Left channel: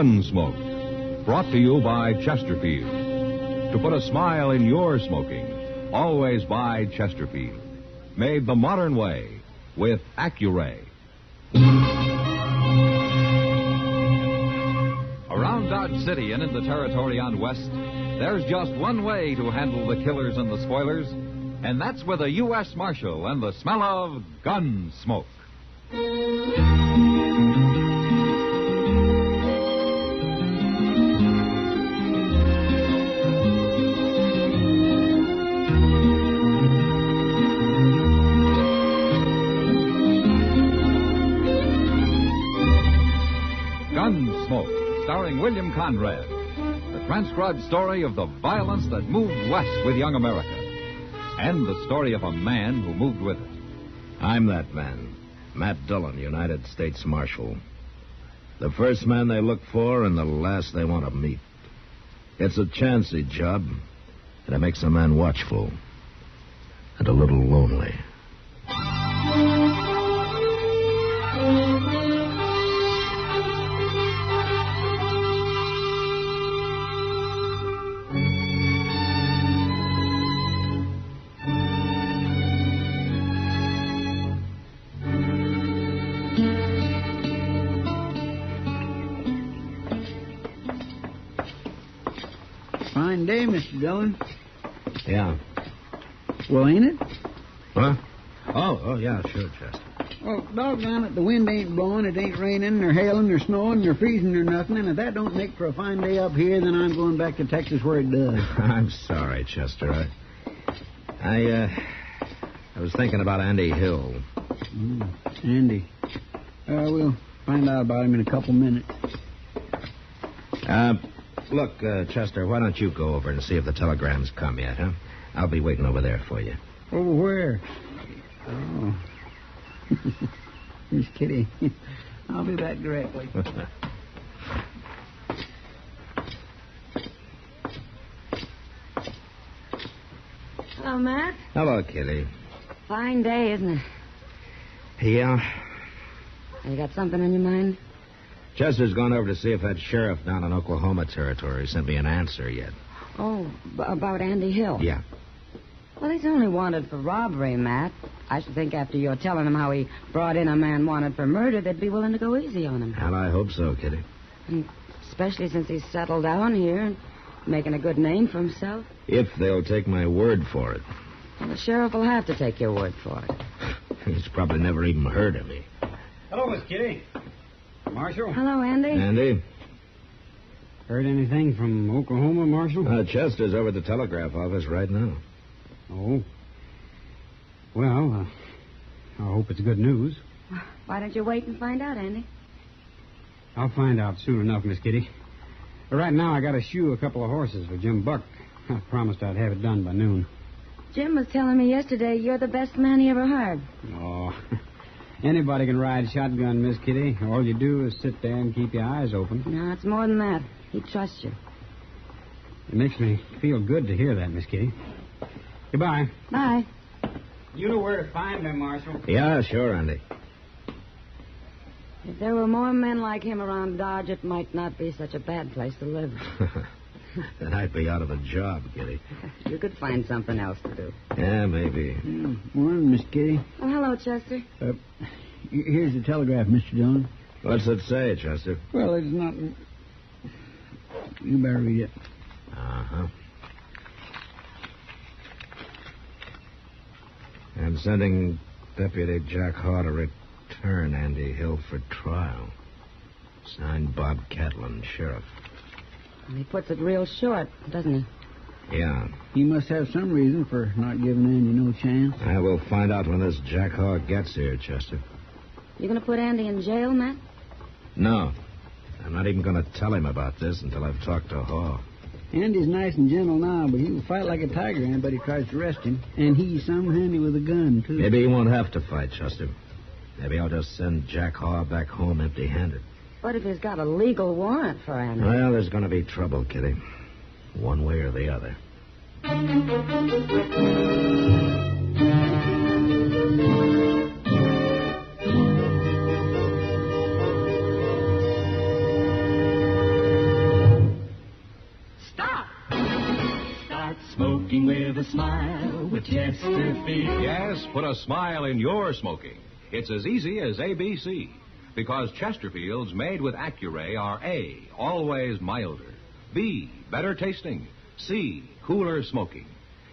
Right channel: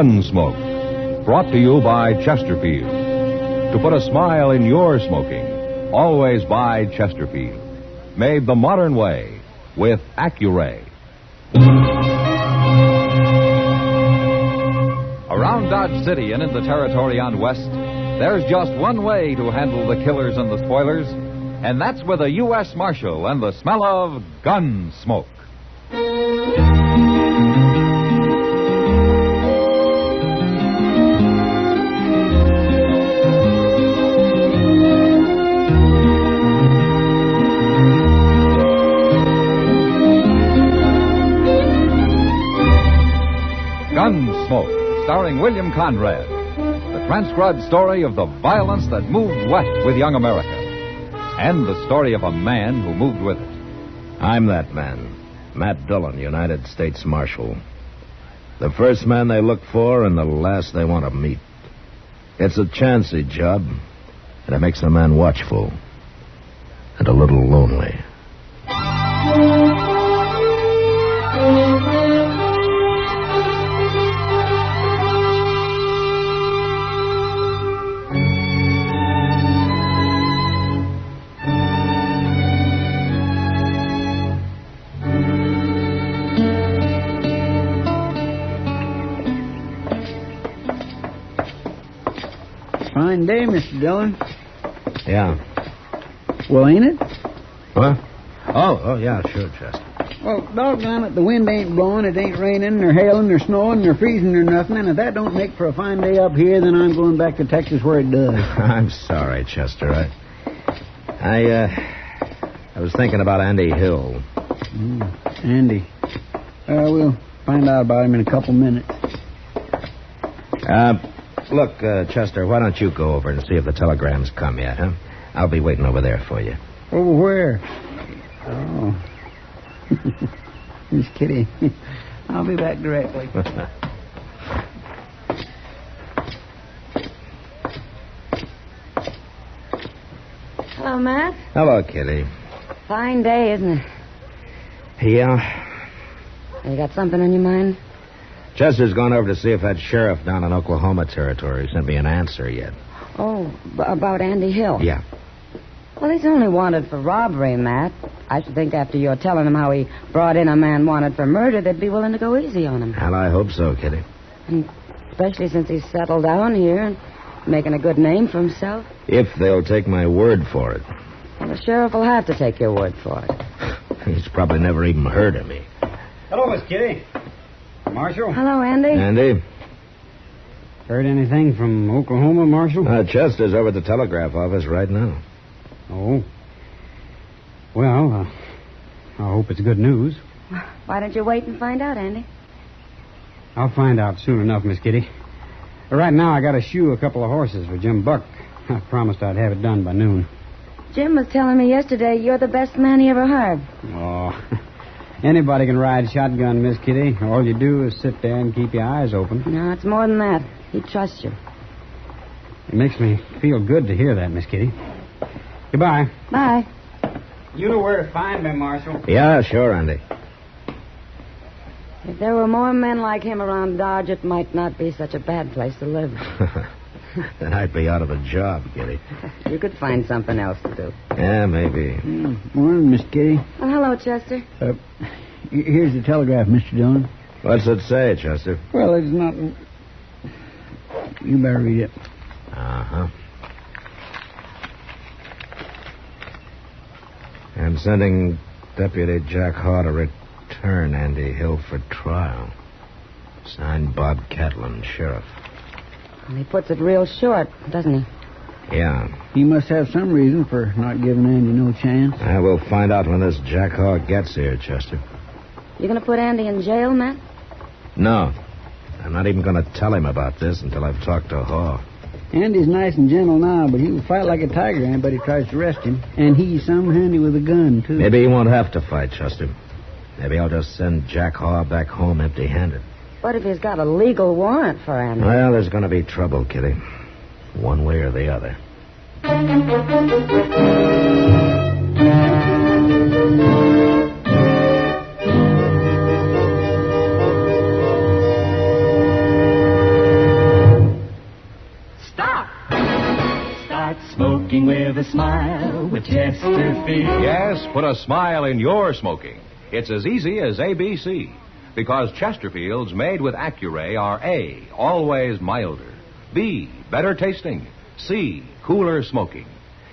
Gunsmoke, brought to you by Chesterfield. To put a smile in your smoking, always buy Chesterfield. Made the modern way with Accuray. Around Dodge City and in the territory on West, there's just one way to handle the killers and the spoilers, and that's with a U.S. Marshal and the smell of Gunsmoke. Gunsmoke, starring William Conrad. The transcribed story of the violence that moved west with young America. And the story of a man who moved with it. I'm that man, Matt Dillon, United States Marshal. The first man they look for and the last they want to meet. It's a chancy job, and it makes a man watchful and a little lonely. Fine day, Mr. Dillon. Yeah. Well, ain't it? Huh? Oh, yeah, sure, Chester. Well, doggone it, the wind ain't blowing, it ain't raining, nor hailing, nor snowing, nor freezing, nor nothing, and if that don't make for a fine day up here, then I'm going back to Texas where it does. I'm sorry, Chester. I was thinking about Andy Hill. Andy. We'll find out about him in a couple minutes. Look, Chester, why don't you go over and see if the telegram's come yet, huh? I'll be waiting over there for you. Over where? Oh. Miss Kitty. I'll be back directly. Hello, Matt. Hello, Kitty. Fine day, isn't it? Yeah. You got something on your mind? Chester's gone over to see if that sheriff down in Oklahoma Territory sent me an answer yet. Oh, about Andy Hill? Yeah. Well, he's only wanted for robbery, Matt. I should think after you're telling him how he brought in a man wanted for murder, they'd be willing to go easy on him. Well, I hope so, Kitty. And especially since he's settled down here and making a good name for himself. If they'll take my word for it. Well, the sheriff will have to take your word for it. He's probably never even heard of me. Hello, Miss Kitty. Marshal? Hello, Andy. Andy? Heard anything from Oklahoma, Marshal? Chester's over at the telegraph office right now. Oh. Well, I hope it's good news. Why don't you wait and find out, Andy? I'll find out soon enough, Miss Kitty. Right now, I got to shoe a couple of horses for Jim Buck. I promised I'd have it done by noon. Jim was telling me yesterday you're the best man he ever hired. Oh, anybody can ride shotgun, Miss Kitty. All you do is sit there and keep your eyes open. No, it's more than that. He trusts you. It makes me feel good to hear that, Miss Kitty. Goodbye. Bye. You know where to find me, Marshal. Yeah, sure, Andy. If there were more men like him around Dodge, it might not be such a bad place to live. Then I'd be out of a job, Kitty. You could find something else to do. Yeah, maybe. Morning, Miss Kitty. Oh, hello, Chester. Here's the telegraph, Mr. Dillon. What's it say, Chester? Well, it's not... You better read it. Uh-huh. I'm sending Deputy Jack Haw to return Andy Hill for trial. Signed Bob Catlin, Sheriff. And he puts it real short, doesn't he? Yeah. He must have some reason for not giving Andy no chance. I will find out when this Jack Haw gets here, Chester. You going to put Andy in jail, Matt? No. I'm not even going to tell him about this until I've talked to Haw. Andy's nice and gentle now, but he'll fight like a tiger anybody tries to arrest him. And he's some handy with a gun, too. Maybe he won't have to fight, Chester. Maybe I'll just send Jack Haw back home empty-handed. What if he's got a legal warrant for Andy? Well, there's going to be trouble, Kitty. One way or the other. with a smile with Chesterfield. Yes, put a smile in your smoking. It's as easy as ABC. Because Chesterfields made with Accuray are A, always milder, B, better tasting, C, cooler smoking.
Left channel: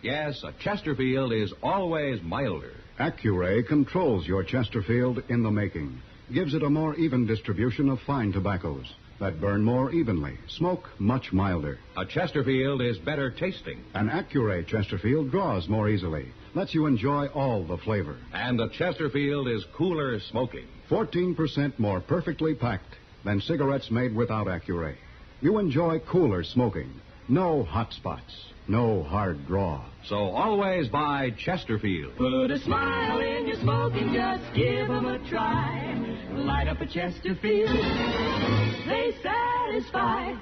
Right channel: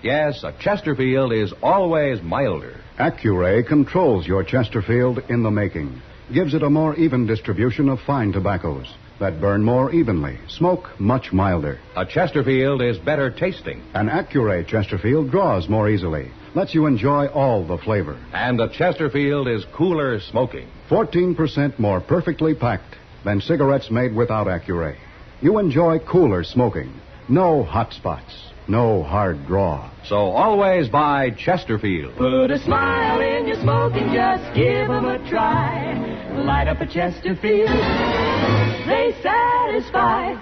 Yes, a Chesterfield is always milder. Accuray controls your Chesterfield in the making. Gives it a more even distribution of fine tobaccos that burn more evenly, smoke much milder. A Chesterfield is better tasting. An Accuray Chesterfield draws more easily, lets you enjoy all the flavor. And a Chesterfield is cooler smoking. 14% more perfectly packed than cigarettes made without Accuray. You enjoy cooler smoking. No hot spots. No hard draw. So always buy Chesterfield. Put a smile in your smoking, just give 'em a try. Light up a Chesterfield, they satisfy.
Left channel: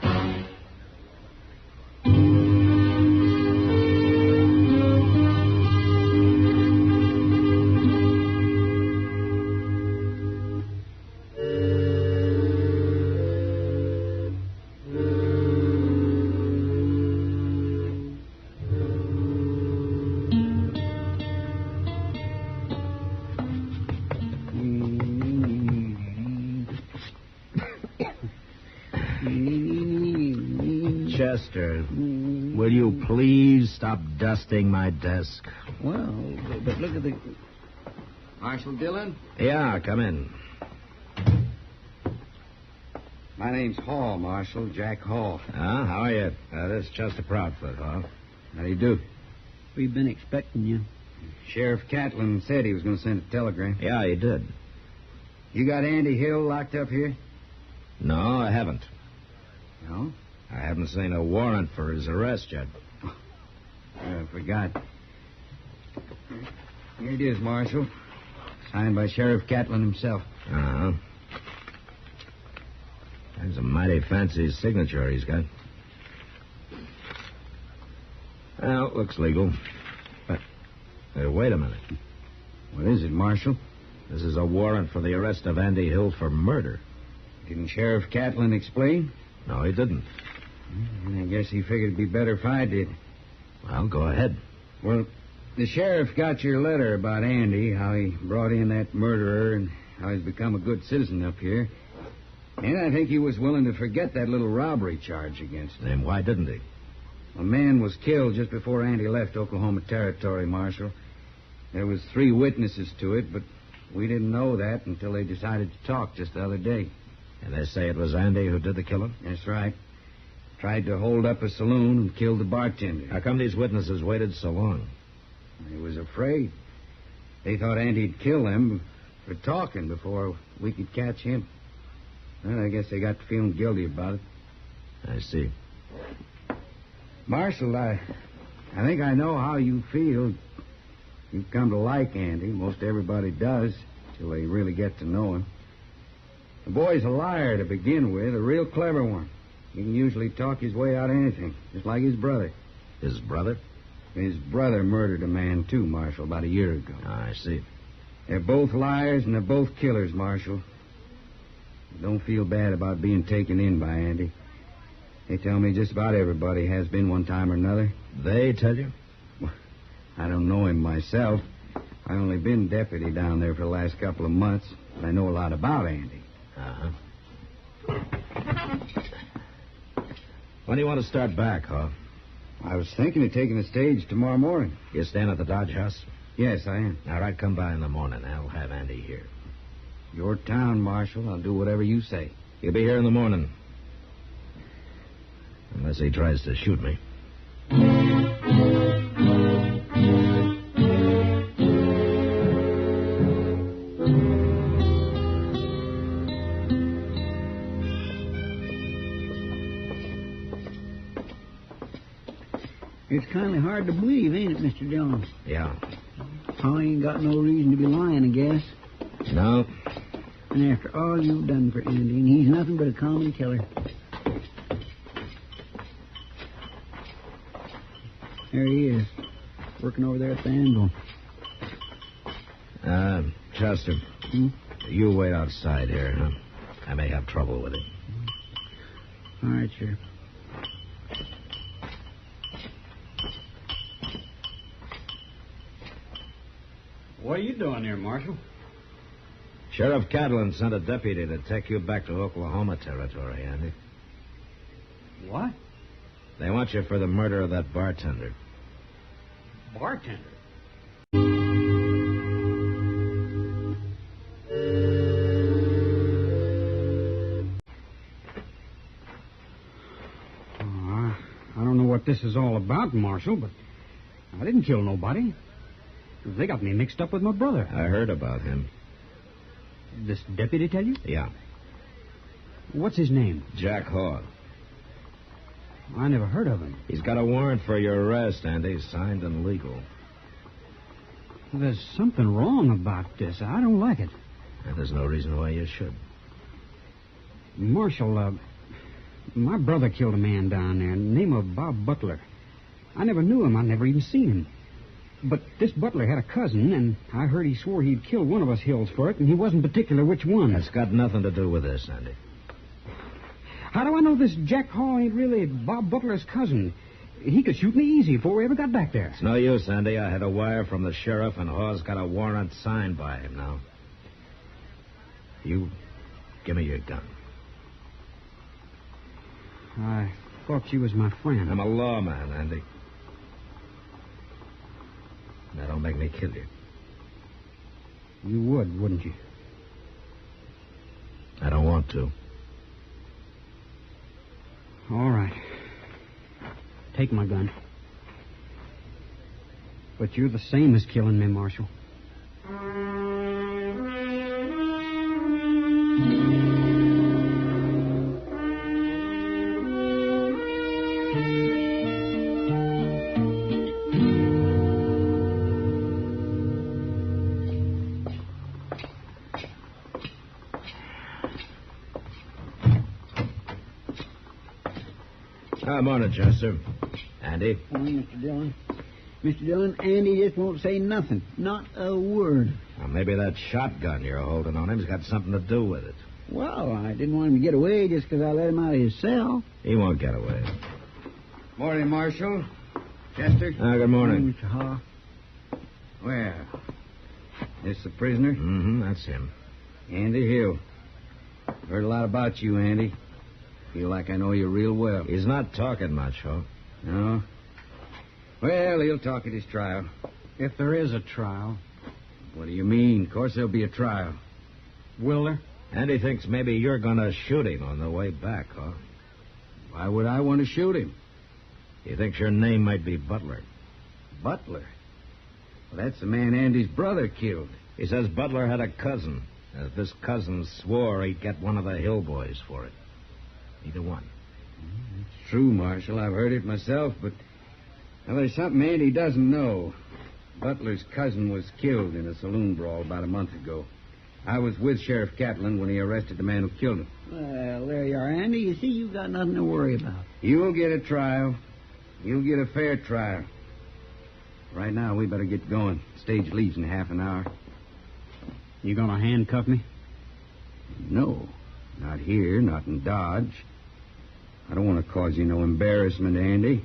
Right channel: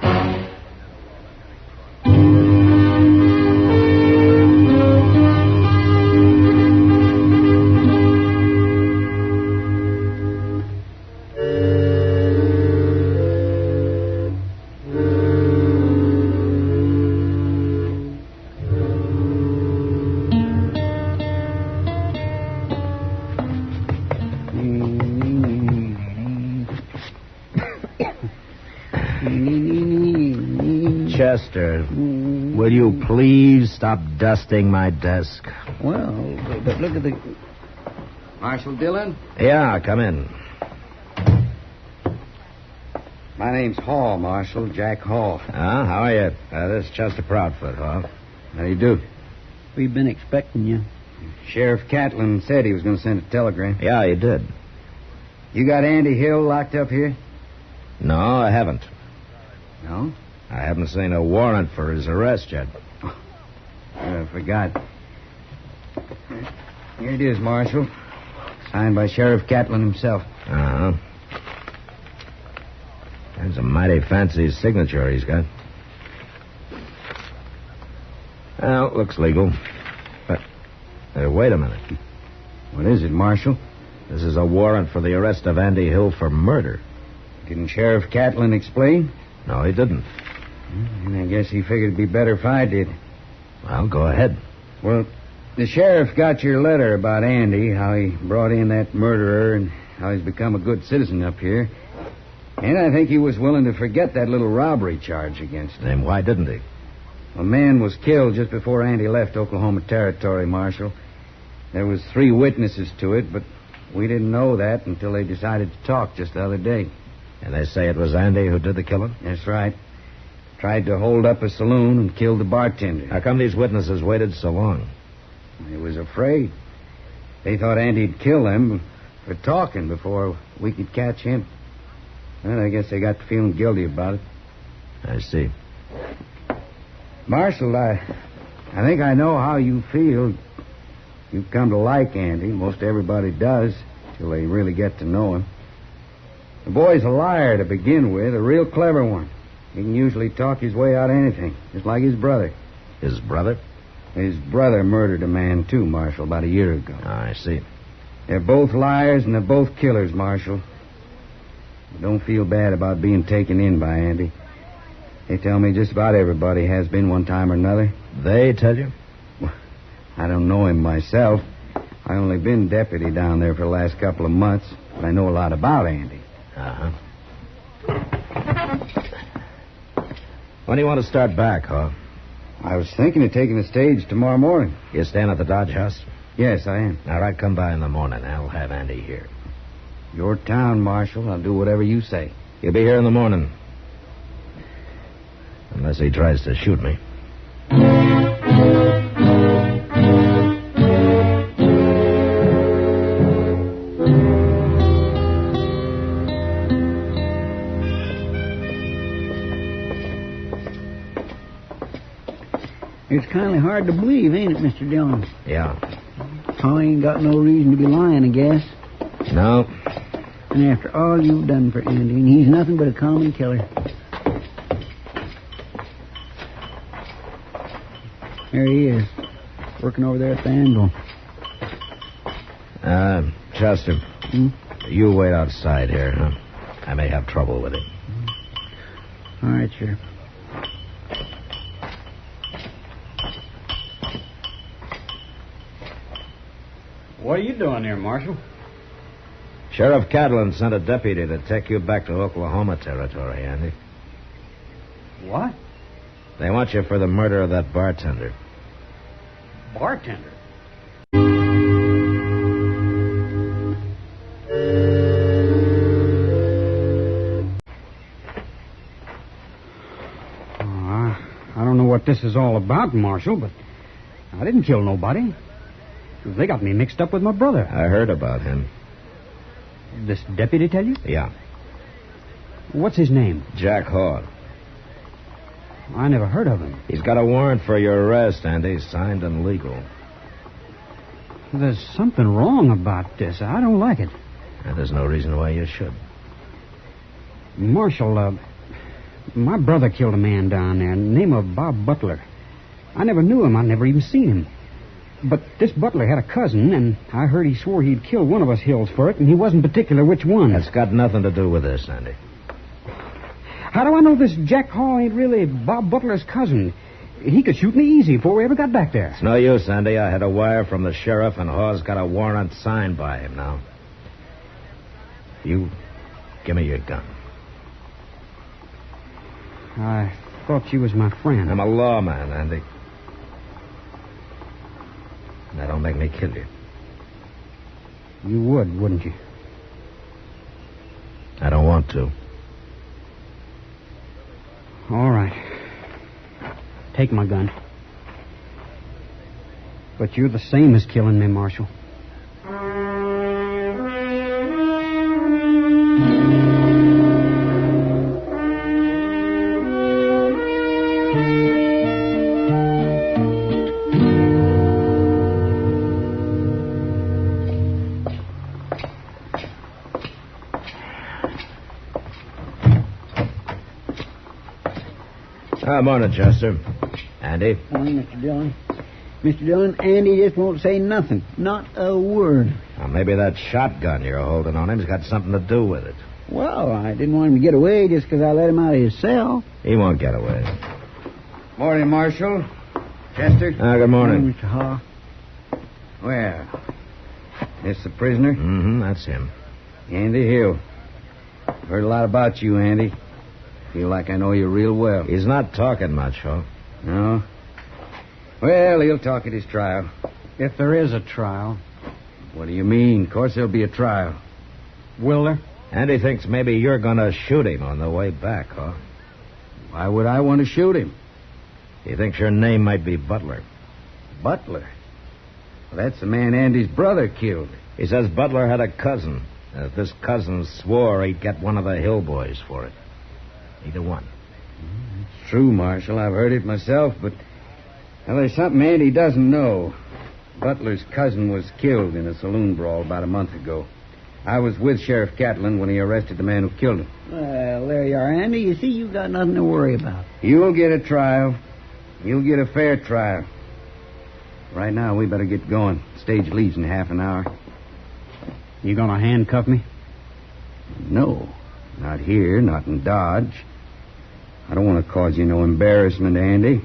Chester, will you please stop dusting my desk? Well, but look at the... Marshal Dillon? Yeah, come in. My name's Hall, Marshal. Jack Hall. Ah, how are you? This is Chester Proudfoot, huh? How do you do? We've been expecting you. Sheriff Catlin said he was going to send a telegram. Yeah, he did. You got Andy Hill locked up here? No, I haven't. No? I haven't seen a warrant for his arrest yet. I forgot. Here it is, Marshal. Signed by Sheriff Catlin himself. Uh-huh. That's a mighty fancy signature he's got. Well, looks legal. But, wait a minute. What is it, Marshal? This is a warrant for the arrest of Andy Hill for murder. Didn't Sheriff Catlin explain? No, he didn't. I guess he figured it'd be better if I did. Well, go ahead. Well, the sheriff got your letter about Andy, how he brought in that murderer and how he's become a good citizen up here. And I think he was willing to forget that little robbery charge against him. And why didn't he? A man was killed just before Andy left Oklahoma Territory, Marshal. There was 3 witnesses to it, but we didn't know that until they decided to talk just the other day. And they say it was Andy who did the killing? That's right. Tried to hold up a saloon and killed the bartender. How come these witnesses waited so long? They was afraid. They thought Andy'd kill them for talking before we could catch him. Well, I guess they got to feeling guilty about it. I see. Marshal, I think I know how you feel. You've come to like Andy. Most everybody does, till they really get to know him. The boy's a liar to begin with, a real clever one. He can usually talk his way out of anything, just like his brother. His brother? His brother murdered a man, too, Marshal, about a year ago. Oh, I see. They're both liars and they're both killers, Marshal. Don't feel bad about being taken in by Andy. They tell me just about everybody has been one time or another. They tell you? Well, I don't know him myself. I only been deputy down there for the last couple of months, but I know a lot about Andy. Uh-huh. When do you want to start back, huh? I was thinking of taking the stage tomorrow morning. You staying at the Dodge House? Yes, I am. All right, come by in the morning. I'll have Andy here. Your town, Marshal. I'll do whatever you say. He'll be here in the morning. Unless he tries to shoot me. It's kind of hard to believe, ain't it, Mr. Dillon? Yeah. Holly ain't got no reason to be lying, I guess. No. And after all you've done for Andy, and he's nothing but a common killer. There he is, working over there at the anvil. Chester, you wait outside here, huh? I may have trouble with him. All right, Sheriff. What are you doing here, Marshal? Sheriff Catlin sent a deputy to take you back to Oklahoma territory, Andy. What? They want you for the murder of that bartender. Bartender? I don't know what this is all about, Marshal, but I didn't kill nobody. They got me mixed up with my brother. I heard about him. This deputy tell you? Yeah. What's his name? Jack Hall. I never heard of him. He's got a warrant for your arrest, Andy, signed and legal. There's something wrong about this. I don't like it. And there's no reason why you should. Marshal, my brother killed a man down there, name of Bob Butler. I never knew him. I never even seen him. But this Butler had a cousin, and I heard he swore he'd kill one of us Hills for it, and he wasn't particular which one. That's got nothing to do with this, Andy. How do I know this Jack Hall ain't really Bob Butler's cousin? He could shoot me easy before we ever got back there. It's no use, Andy. I had a wire from the sheriff, and Hall's got a warrant signed by him now. You give me your gun. I thought you was my friend. I'm a lawman, Andy. That don't make me kill you. You would, wouldn't you? I don't want to. All right. Take my gun. But you're the same as killing me, Marshal. Morning, Chester. Andy? Morning, Mr. Dillon. Mr. Dillon, Andy just won't say nothing. Not a word. Well, maybe that shotgun you're holding on him's got something to do with it. Well, I didn't want him to get away just because I let him out of his cell. He won't get away. Morning, Marshal. Chester. Good morning. Mr. Haw. Well, this the prisoner? Mm-hmm, that's him. Andy Hill. I've heard a lot about you, Andy. Feel like I know you real well. He's not talking much, huh? No? Well, he'll talk at his trial. If there is a trial. What do you mean? Of course there'll be a trial. Will there? Andy thinks maybe you're going to shoot him on the way back, huh? Why would I want to shoot him? He thinks your name might be Butler. Butler? Well, that's the man Andy's brother killed. He says Butler had a cousin. If this cousin swore he'd get one of the Hill boys for it. Either one. It's true, Marshal. I've heard it myself, but well, there's something Andy doesn't know. Butler's cousin was killed in a saloon brawl about a month ago. I was with Sheriff Catlin when he arrested the man who killed him. Well, there you are, Andy. You see, you've got nothing to worry about. You'll get a trial. You'll get a fair trial. Right now, we better get going. Stage leaves in half an hour. You gonna handcuff me? No. Not here, not in Dodge. I don't want to cause you no embarrassment, Andy.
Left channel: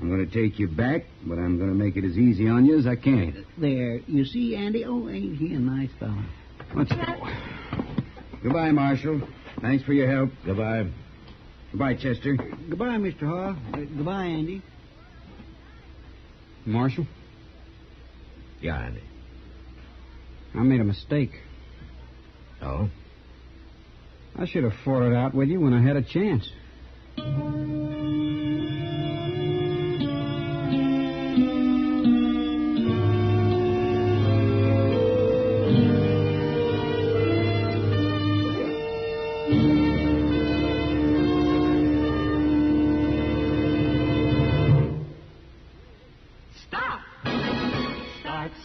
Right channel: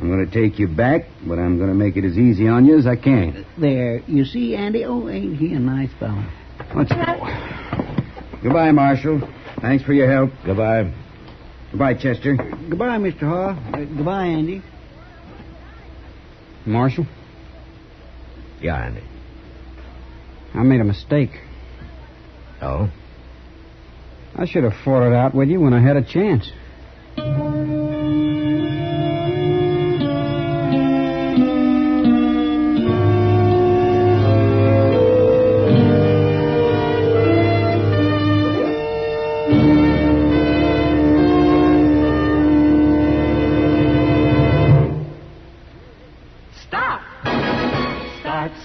I'm going to take you back, but I'm going to make it as easy on you as I can. There. You see, Andy? Oh, ain't he a nice fellow? Let's go. Goodbye, Marshal. Thanks for your help. Goodbye. Goodbye, Chester. Goodbye, Mr. Haw. Goodbye, Andy. Marshal? Yeah, Andy. I made a mistake. Oh? I should have fought it out with you when I had a chance.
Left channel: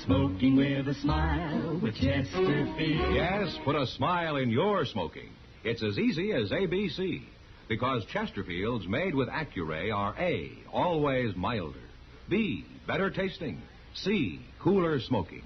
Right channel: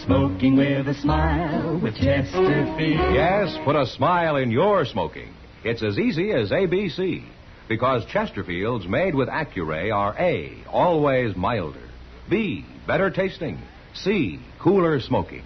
Smoking with a smile with Chesterfield. Yes, put a smile in your smoking. It's as easy as ABC. Because Chesterfields made with Accuray are A, always milder. B, better tasting. C, cooler smoking.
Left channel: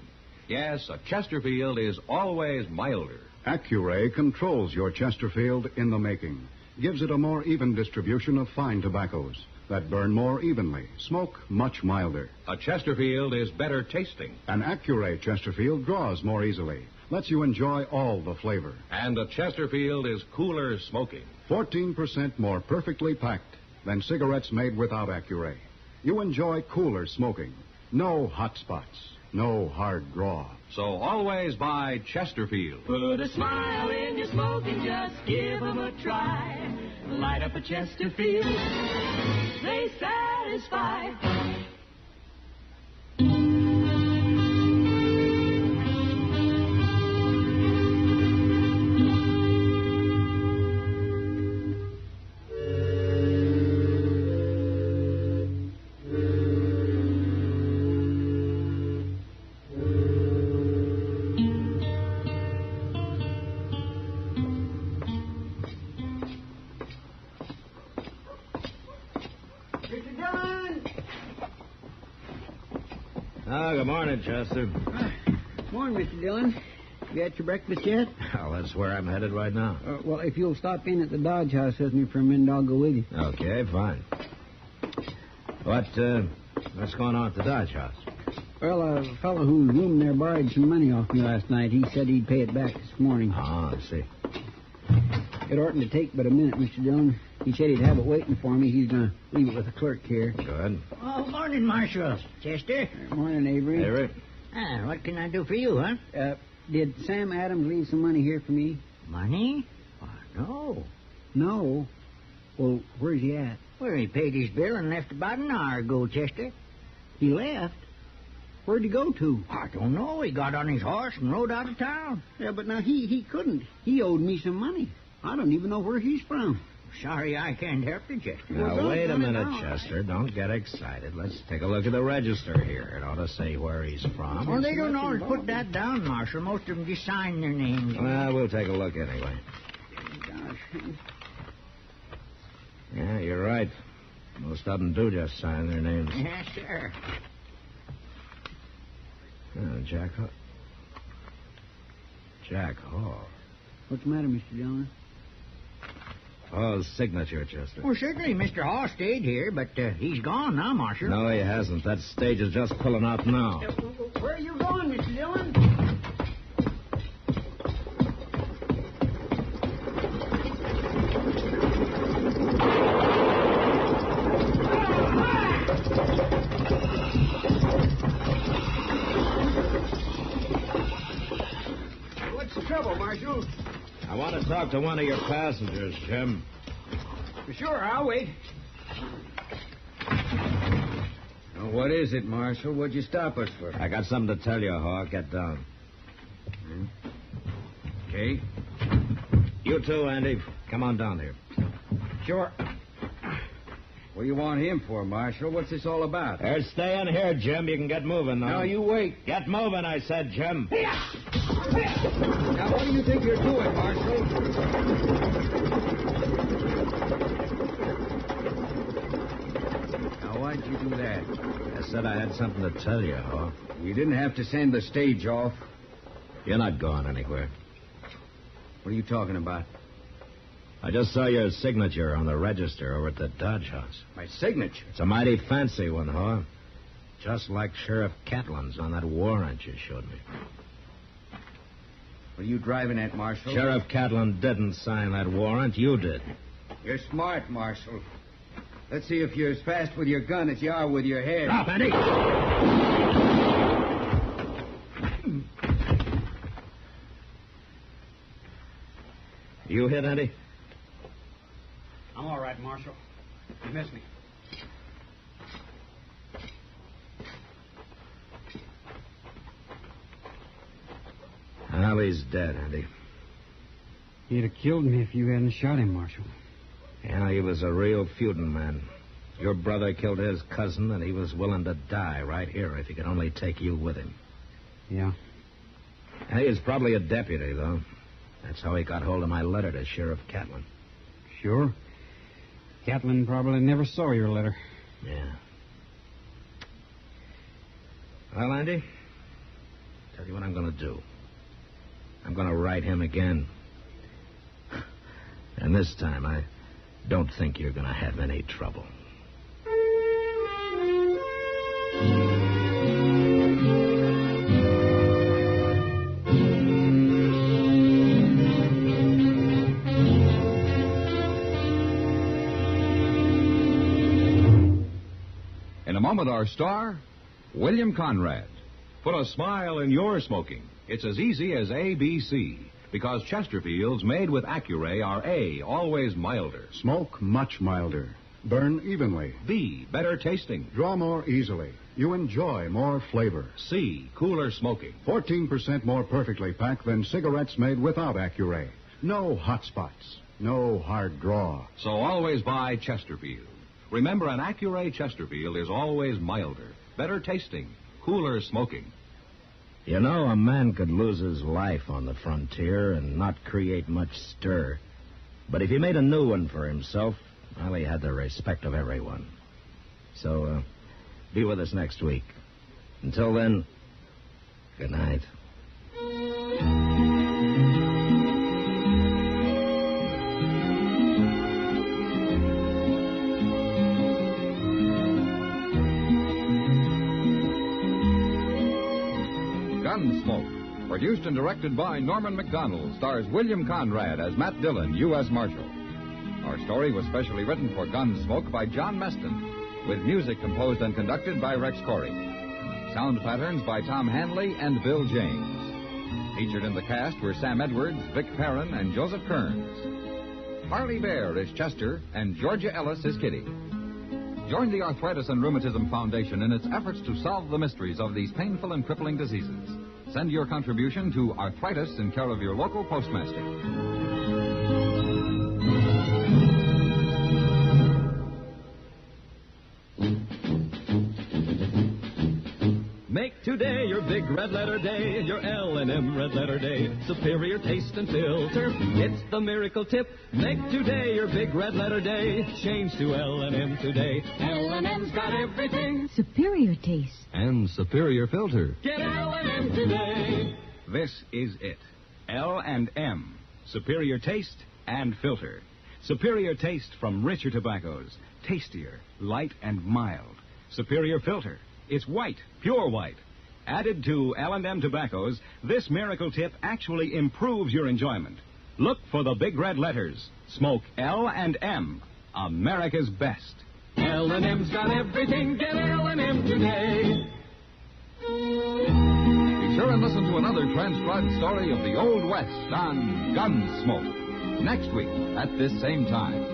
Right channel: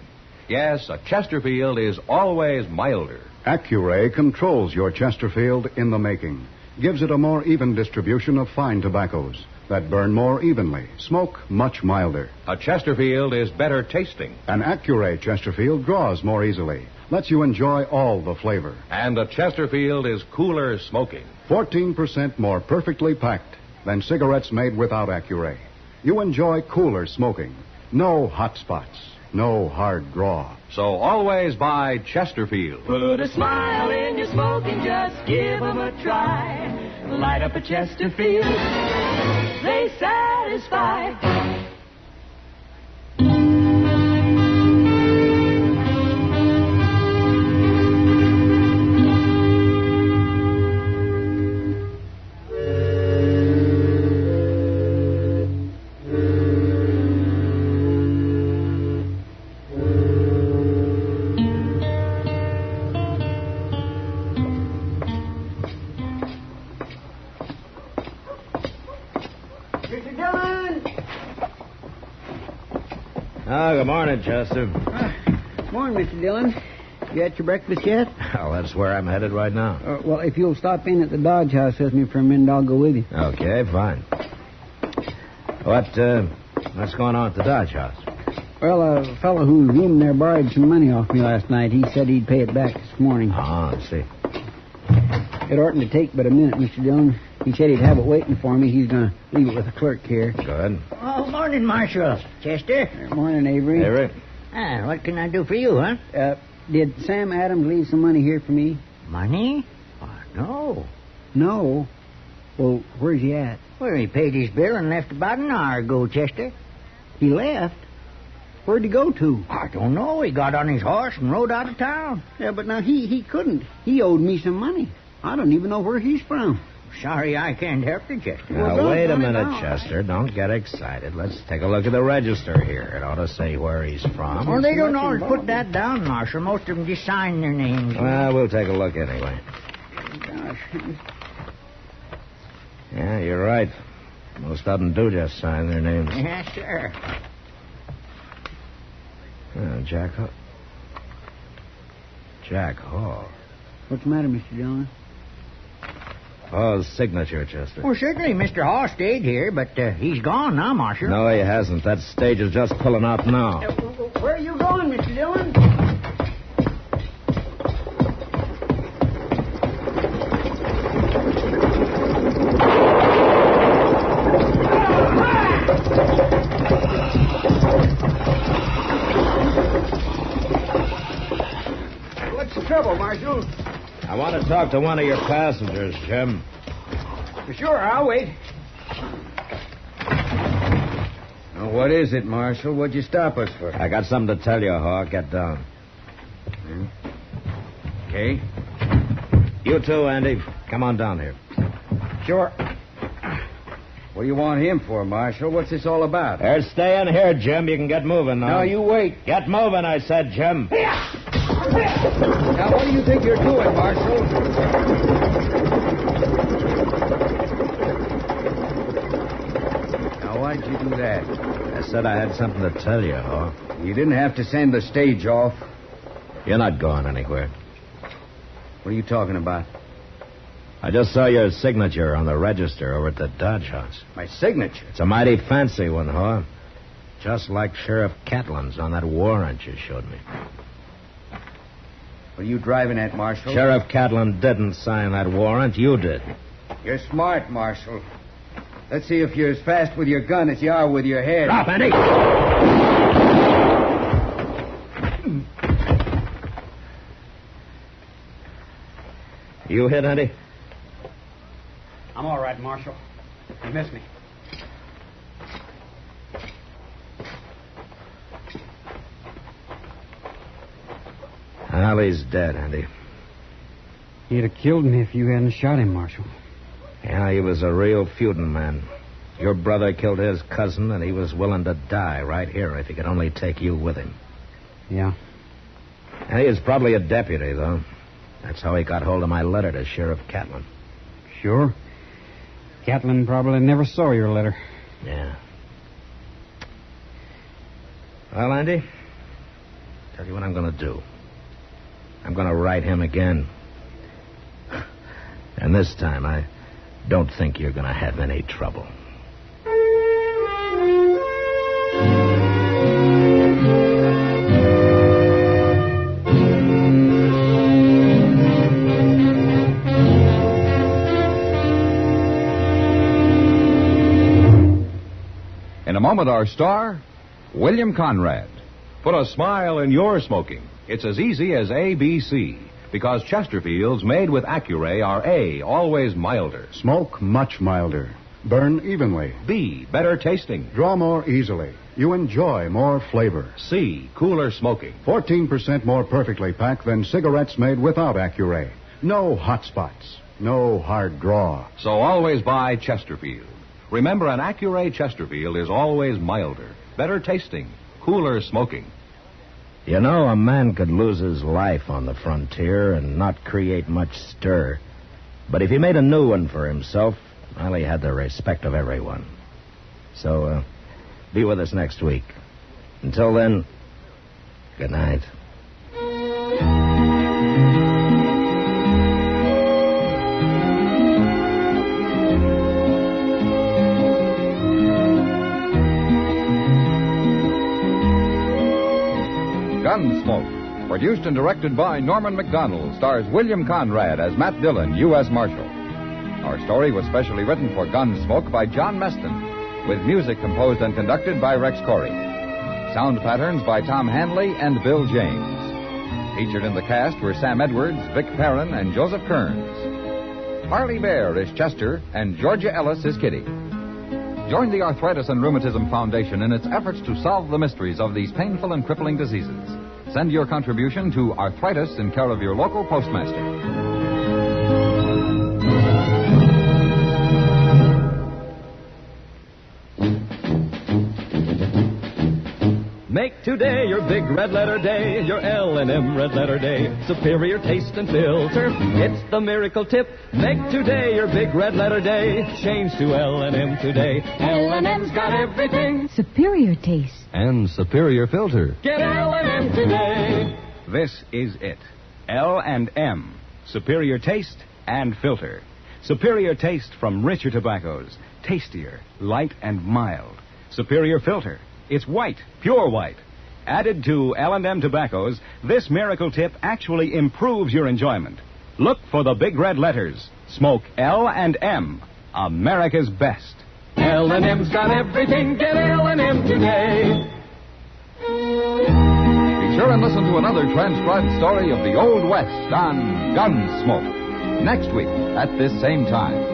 Yes, a Chesterfield is always milder. Accuray controls your Chesterfield in the making. gives it a more even distribution of fine tobaccos that burn more evenly, smoke much milder. A Chesterfield is better tasting. An Accuray Chesterfield draws more easily, lets you enjoy all the flavor. And a Chesterfield is cooler smoking. 14% more perfectly packed than cigarettes made without Accuray. You enjoy cooler smoking. No hot spots. No hard draw. So always buy Chesterfield. Put a smile in your smoking, just give 'em a try. Light up a Chesterfield, they satisfy. Oh, good morning, Chester. Morning, Mr. Dillon. You had your breakfast yet? Well, that's where I'm headed right now. Well, if you'll stop in at the Dodge House with me for a minute, I'll go with you. Okay, fine. What's going on at the Dodge House? Well, a fellow whose room there borrowed some money off me last night. He said he'd pay it back this morning. Oh, let's see. It oughtn't to take but a minute, Mr. Dillon. He said he'd have it waiting for me. He's going to leave it with the clerk here. Good. Oh, morning, Marshal. Chester. Morning, Avery. Avery? What can I do for you, huh? Did Sam Adams leave some money here for me? Money? No. No. Well, where's he at? Well, he paid his bill and left about an hour ago, Chester. He left? Where'd he go to? I don't know. He got on his horse and rode out of town. Yeah, but now he couldn't. He owed me some money. I don't even know where he's from. Sorry, I can't help you, Chester. Now, wait a minute, Chester. Don't get excited. Let's take a look at the register here. It ought to say where he's from. Well, they don't always put that down, Marshal. Most of them just sign their names. Well, we'll take a look anyway. Gosh. Yeah, you're right. Most of them do just sign their names. Yes, sir. Jack Hall. What's the matter, Mr. Dillon? Hall's signature, Chester. Well, certainly Mr. Hall stayed here, but he's gone now, Marshal. No, he hasn't. That stage is just pulling out now. Where are you going, Mr. Dillon? What's the trouble, Marshal? I want to talk to one of your passengers, Jim. Sure, I'll wait. Now, what is it, Marshal? What'd you stop us for? I got something to tell you, Hawk. Get down. Okay. You too, Andy. Come on down here. Sure. What do you want him for, Marshal? What's this all about? Stay in here, Jim. You can get moving now. No, you wait. Get moving, I said, Jim. Now, what do you think you're doing, Marshal? Now, why'd you do that? I said I had something to tell you, Hawk. You didn't have to send the stage off. You're not going anywhere. What are you talking about? I just saw your signature on the register over at the Dodge House. My signature? It's a mighty fancy one, Haw. Just like Sheriff Catlin's on that warrant you showed me. What are you driving at, Marshal? Sheriff Catlin didn't sign that warrant. You did. You're smart, Marshal. Let's see if you're as fast with your gun as you are with your head. Drop, Andy! You hit, Andy? I'm all right, Marshal. You missed me. Well, he's dead, Andy. He'd have killed me if you hadn't shot him, Marshal. Yeah, he was a real feuding man. Your brother killed his cousin, and he was willing to die right here if he could only take you with him. Yeah. And he was probably a deputy, though. That's how he got hold of my letter to Sheriff Catlin. Sure. Catlin probably never saw your letter. Yeah. Well, Andy, tell you what I'm going to do. I'm going to write him again. And this time, don't think you're going to have any trouble. In a moment, our star, William Conrad. Put a smile in your smoking. It's as easy as ABC, because Chesterfields made with Accuray are A, always milder. Smoke much milder. Burn evenly. B, better tasting. Draw more easily. You enjoy more flavor. C, cooler smoking. 14% more perfectly packed than cigarettes made without Accuray. No hot spots. No hard draw. So always buy Chesterfield. Remember, an Accuray Chesterfield is always milder, better tasting, cooler smoking. You know, a man could lose his life on the frontier and not create much stir. But if he made a new one for himself, well, he had the respect of everyone. So, be with us next week. Until then, good night. Gunsmoke, produced and directed by Norman MacDonnell, stars William Conrad as Matt Dillon, U.S. Marshal. Our story was specially written for Gunsmoke by John Meston, with music composed and conducted by Rex Corey. Sound patterns by Tom Hanley and Bill James. Featured in the cast were Sam Edwards, Vic Perrin, and Joseph Kearns. Parley Baer is Chester, and Georgia Ellis is Kitty. Join the Arthritis and Rheumatism Foundation in its efforts to solve the mysteries of these painful and crippling diseases. Send your contribution to Arthritis in care of your local postmaster. Make today your big red letter day, your L&M red letter day. Superior taste and filter, it's the miracle tip. Make today your big red letter day. Change to L&M today. L&M's got everything. Superior taste. And superior filter. Get L&M today. This is it. L&M. Superior taste and filter. Superior taste from richer tobaccos. Tastier, light and mild. Superior filter. It's white, pure white. Added to L&M tobaccos, this miracle tip actually improves your enjoyment. Look for the big red letters. Smoke L&M, America's best. L&M's got everything. Get L&M today. Be sure and listen to another transcribed story of the Old West on Gunsmoke next week at this same time.